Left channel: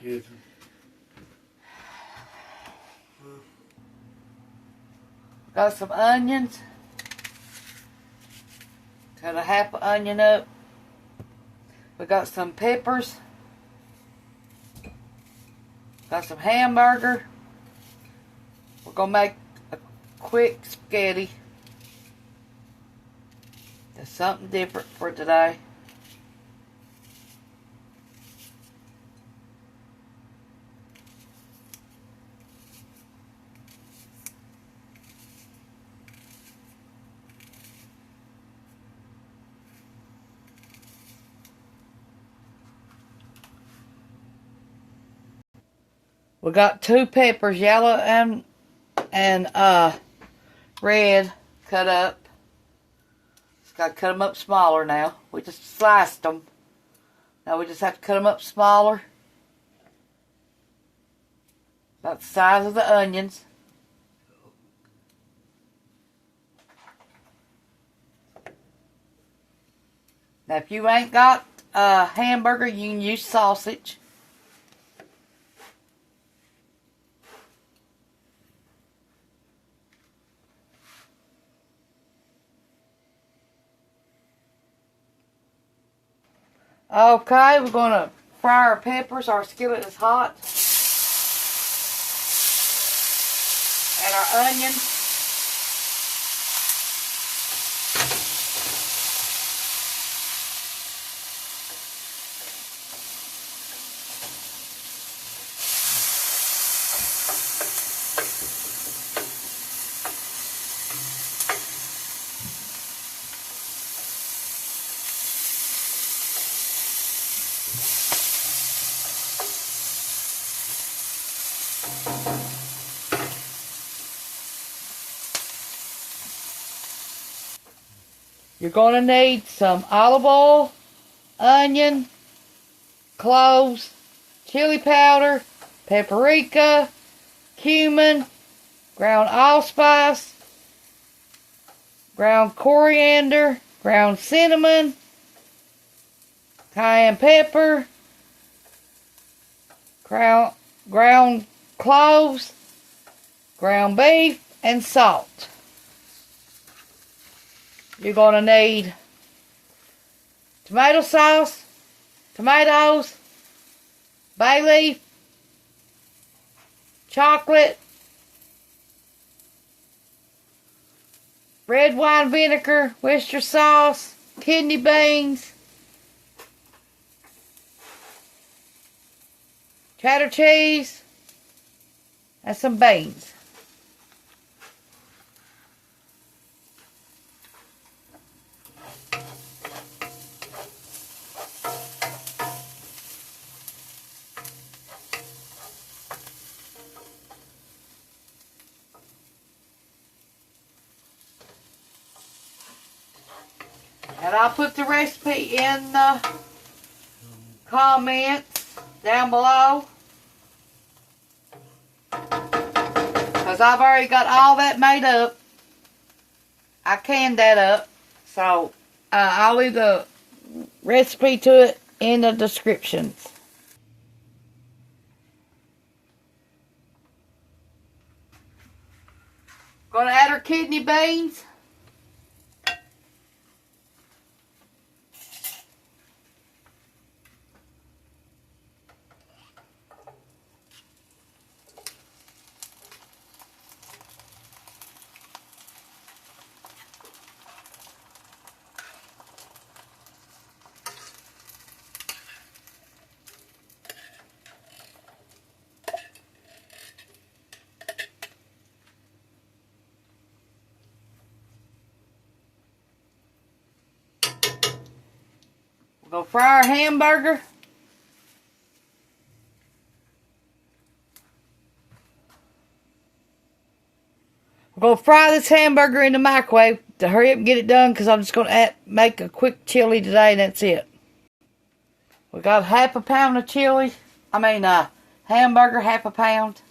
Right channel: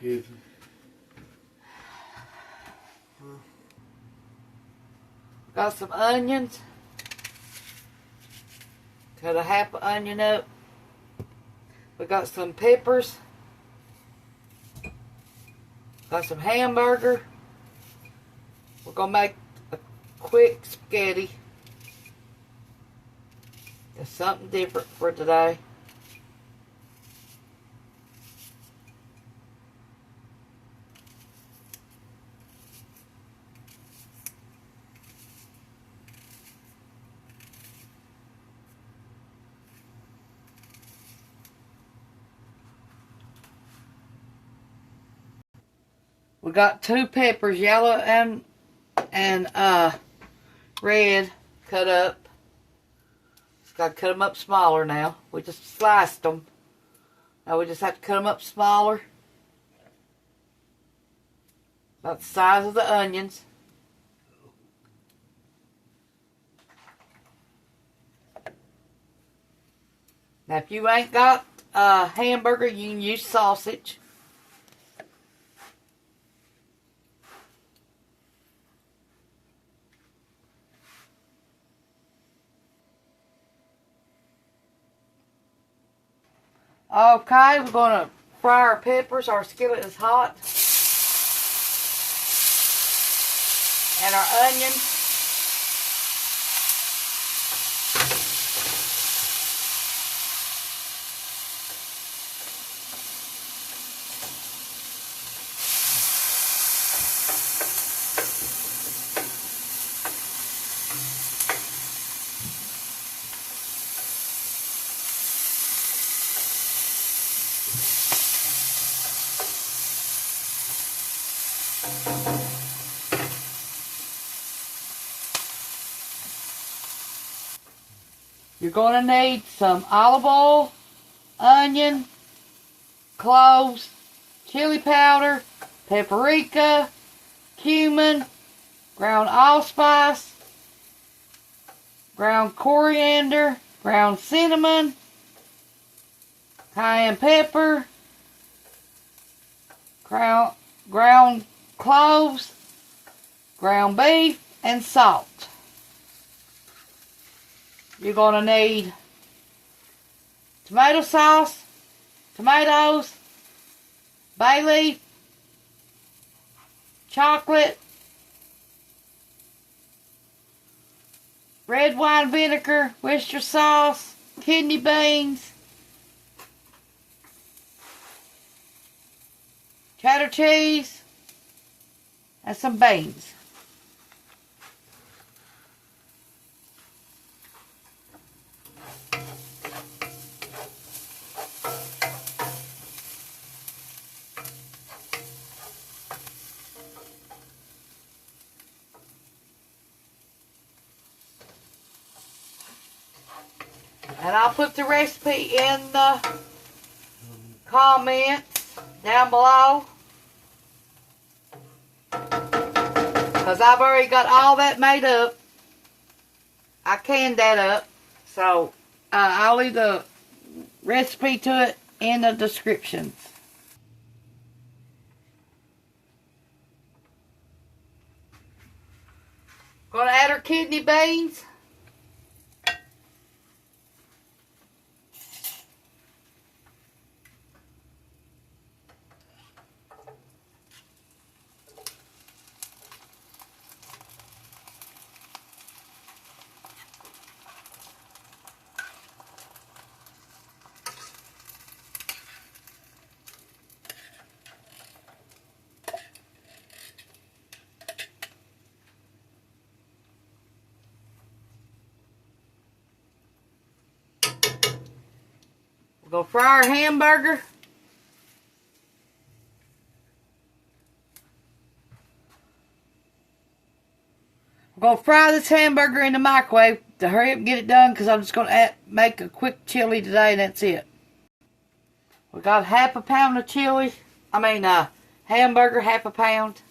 kids. Got some onions. Cut a half an onion up. We got some peppers. Got some hamburger. We're going to make a quick spaghetti. Just something different for today. We got 2 peppers, yellow and red, cut up. Just got to cut them up smaller now. We just sliced them. Now we just have to cut them up smaller. About the size of the onions. Now if you ain't got a hamburger, you can use sausage. Okay, we're going to fry our peppers. Our skillet is hot. And our onions. You're going to need some olive oil, onion, cloves, chili powder, paprika, cumin, ground allspice, ground coriander, ground cinnamon, cayenne pepper, ground cloves, ground beef, and salt. You're going to need tomato sauce, tomatoes, bay leaf, chocolate, red wine vinegar, Worcester sauce, kidney beans, cheddar cheese, and some beans. And I'll put the recipe in the comments down below. Because I've already got all that made up. I canned that up. So I'll leave the recipe to it in the descriptions. Gonna add our kidney beans. We're going to fry our hamburger. We're going to fry this hamburger in the microwave to hurry up and get it done because I'm just going to make a quick chili today and that's it. We got half a pound of chili. Hamburger, half a pound.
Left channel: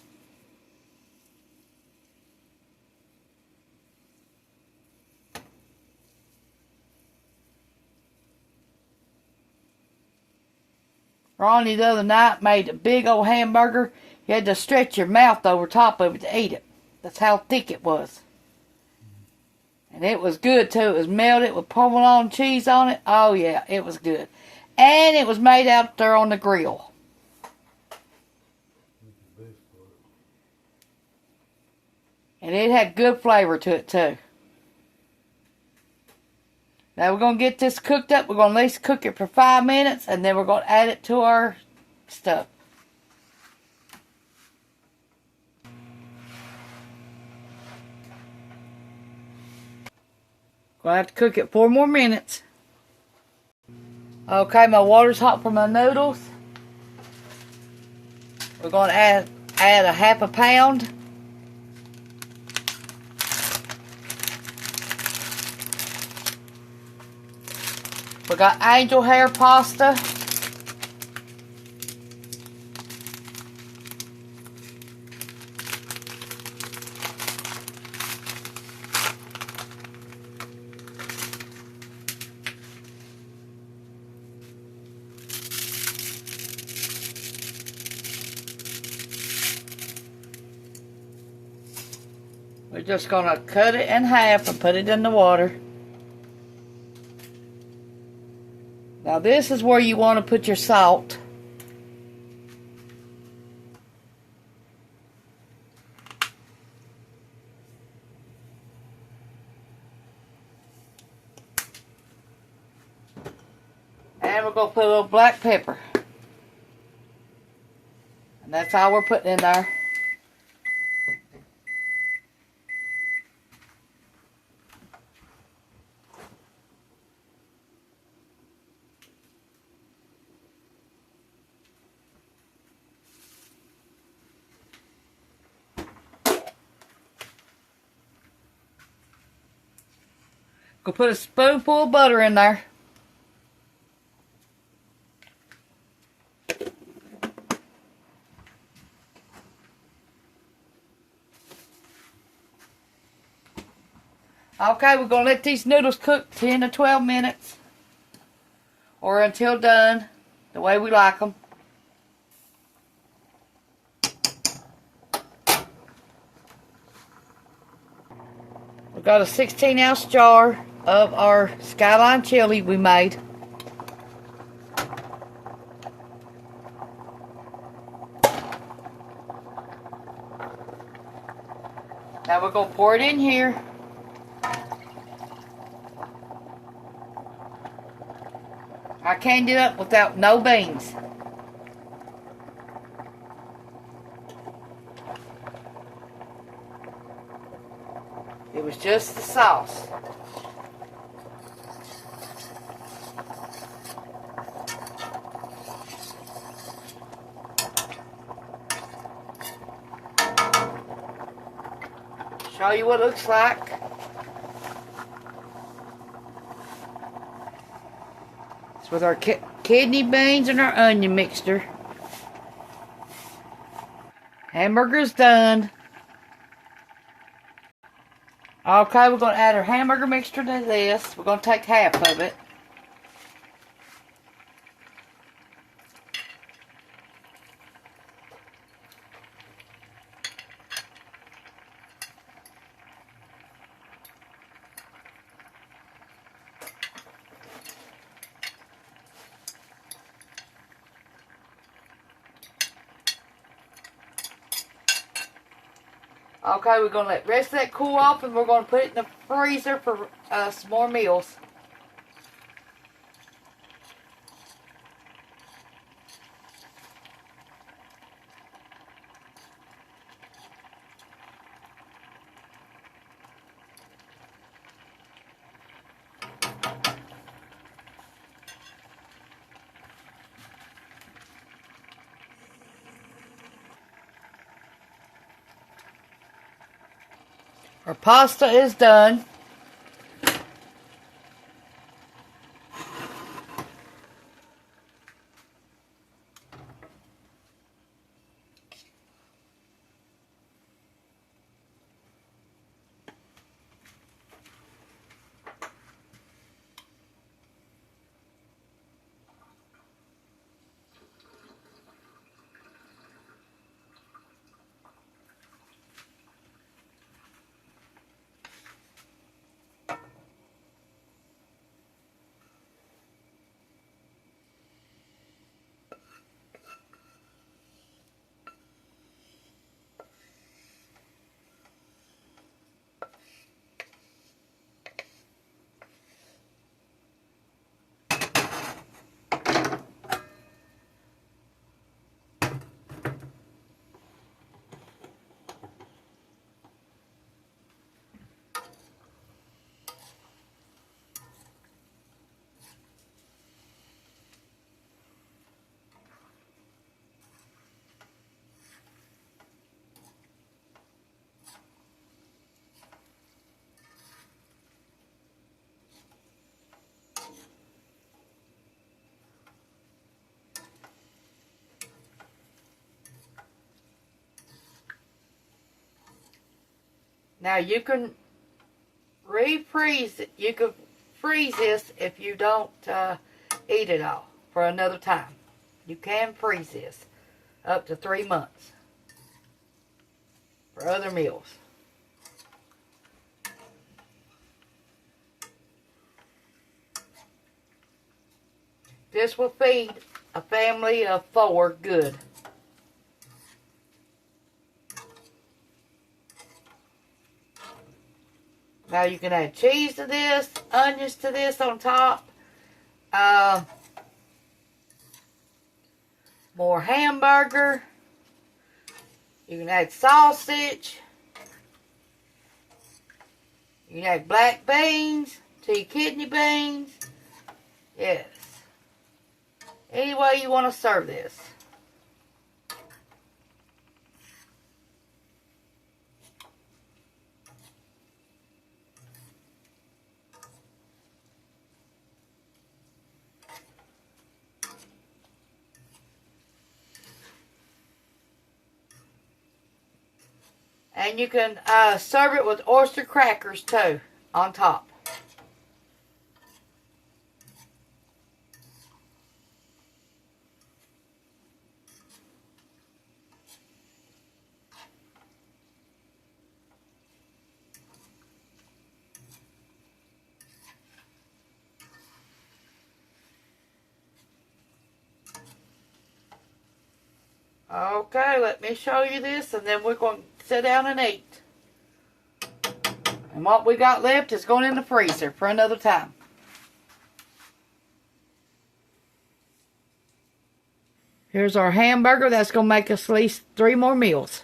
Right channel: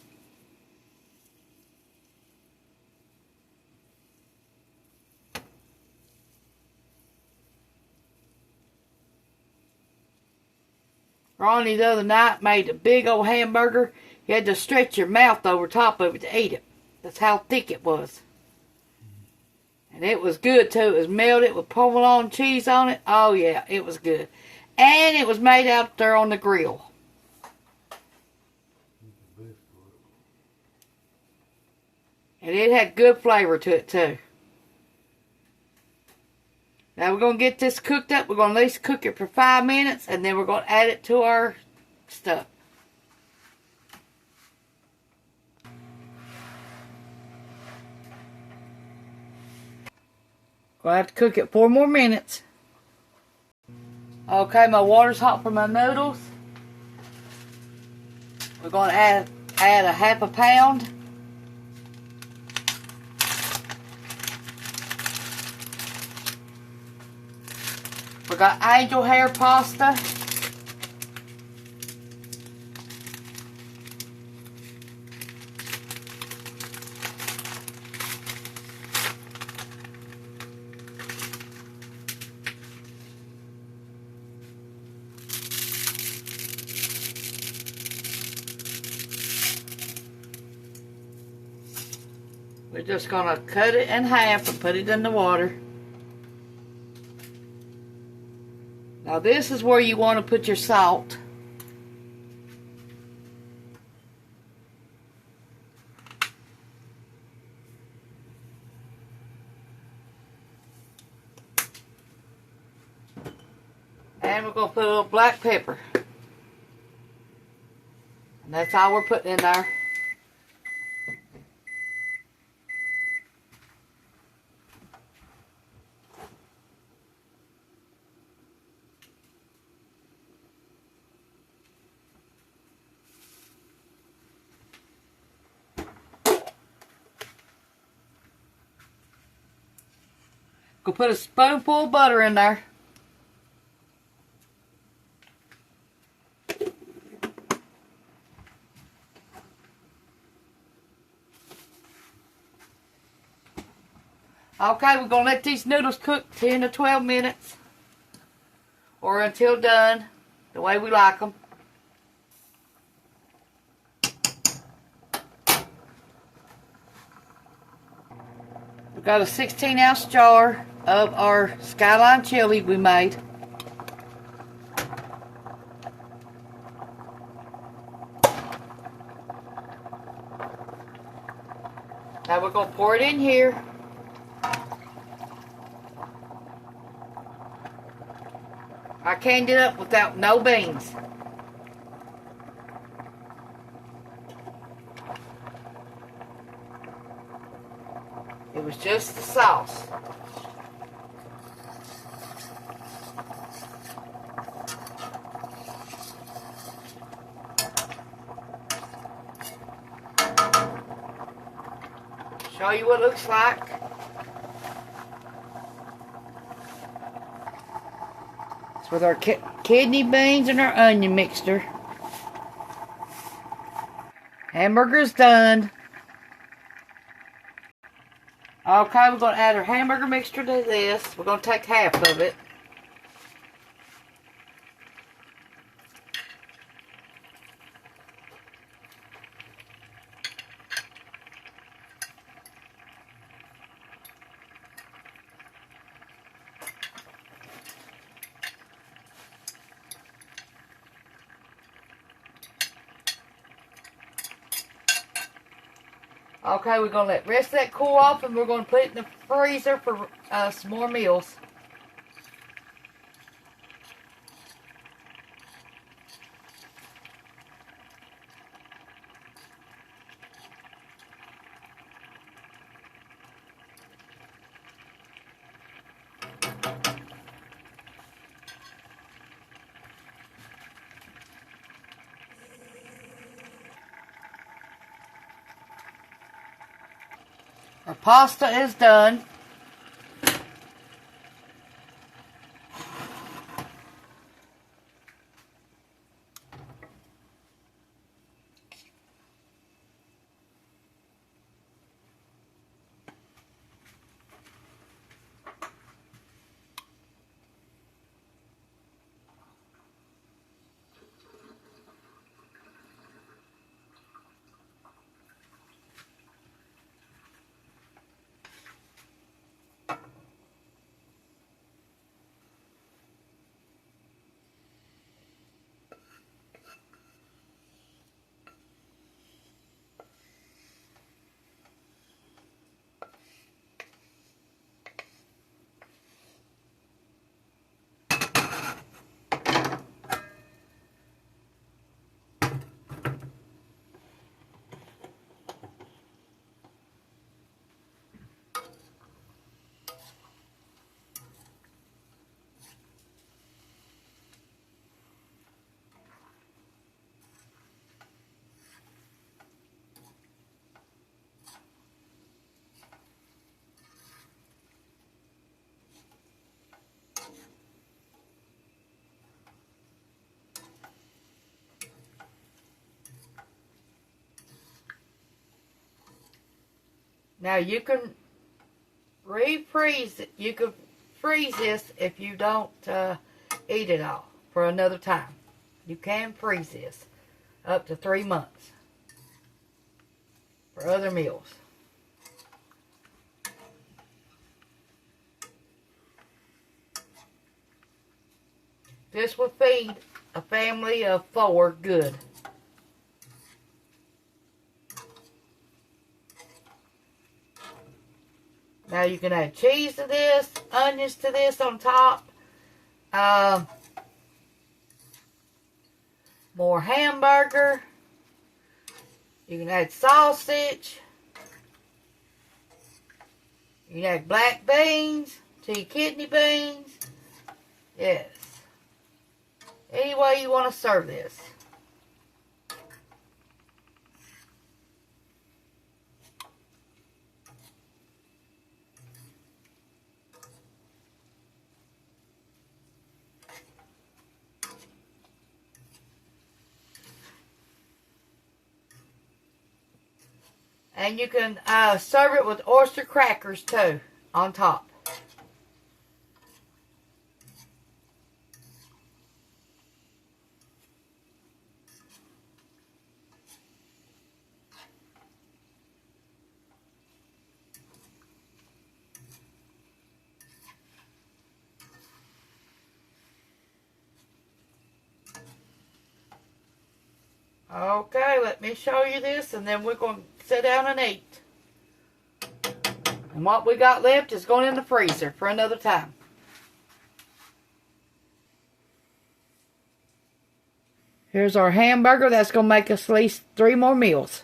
Ronnie the other night made a big old hamburger. You had to stretch your mouth over top of it to eat it. That's how thick it was. And it was good too. It was melted with provolone cheese on it. Oh yeah, it was good. And it was made out there on the grill. And it had good flavor to it too. Now we're going to get this cooked up. We're going to at least cook it for 5 minutes. And then we're going to add it to our stuff. Going to have to cook it 4 more minutes. Okay, my water's hot for my noodles. We're going to add a half a pound. We got angel hair pasta. We're just going to cut it in half and put it in the water. Now this is where you want to put your salt. And we're going to put a little black pepper. And that's all we're putting in there. Go put a spoonful of butter in there. Okay, we're going to let these noodles cook 10 to 12 minutes. Or until done, the way we like them. We've got a 16-ounce jar of our skyline chili we made. Now we're going to pour it in here. I canned it up without no beans. It was just the sauce. Show you what it looks like. It's with our kidney beans and our onion mixture. Hamburger's done. Okay, we're going to add our hamburger mixture to this. We're going to take half of it. Okay, we're going to let the rest of that cool off and we're going to put it in the freezer for some more meals. Our pasta is done. Now you can refreeze it. You can freeze this if you don't eat it all for another time. You can freeze this up to 3 months for other meals. This will feed a family of 4 good. Now you can add cheese to this, onions to this on top. More hamburger. You can add sausage. You can add black beans to your kidney beans. Yes. Any way you want to serve this. And you can serve it with oyster crackers too on top. Okay, let me show you this, and then we're going to sit down and eat. And what we got left is going in the freezer for another time. Here's our hamburger. That's going to make us at least 3 more meals.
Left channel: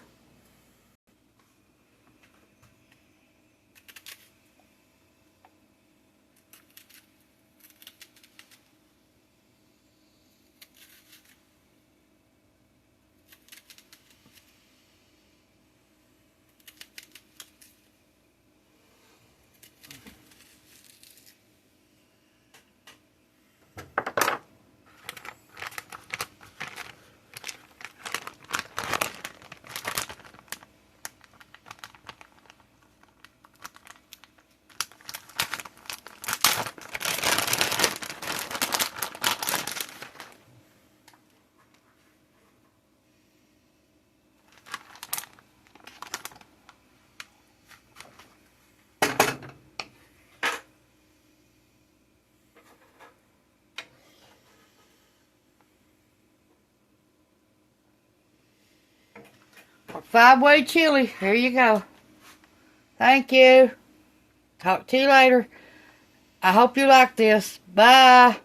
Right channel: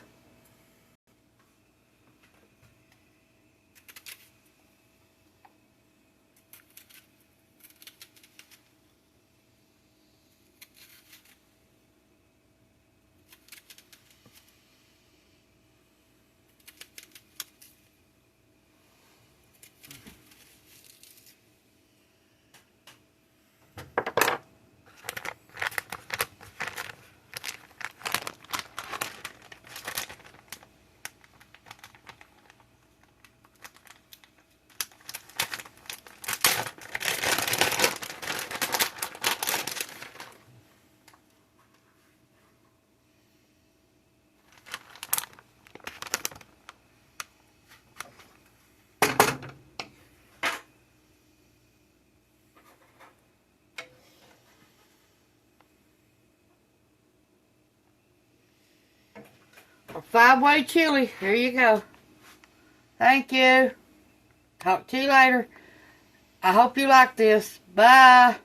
Our 5-way chili. Here you go. Thank you. Talk to you later. I hope you like this. Bye.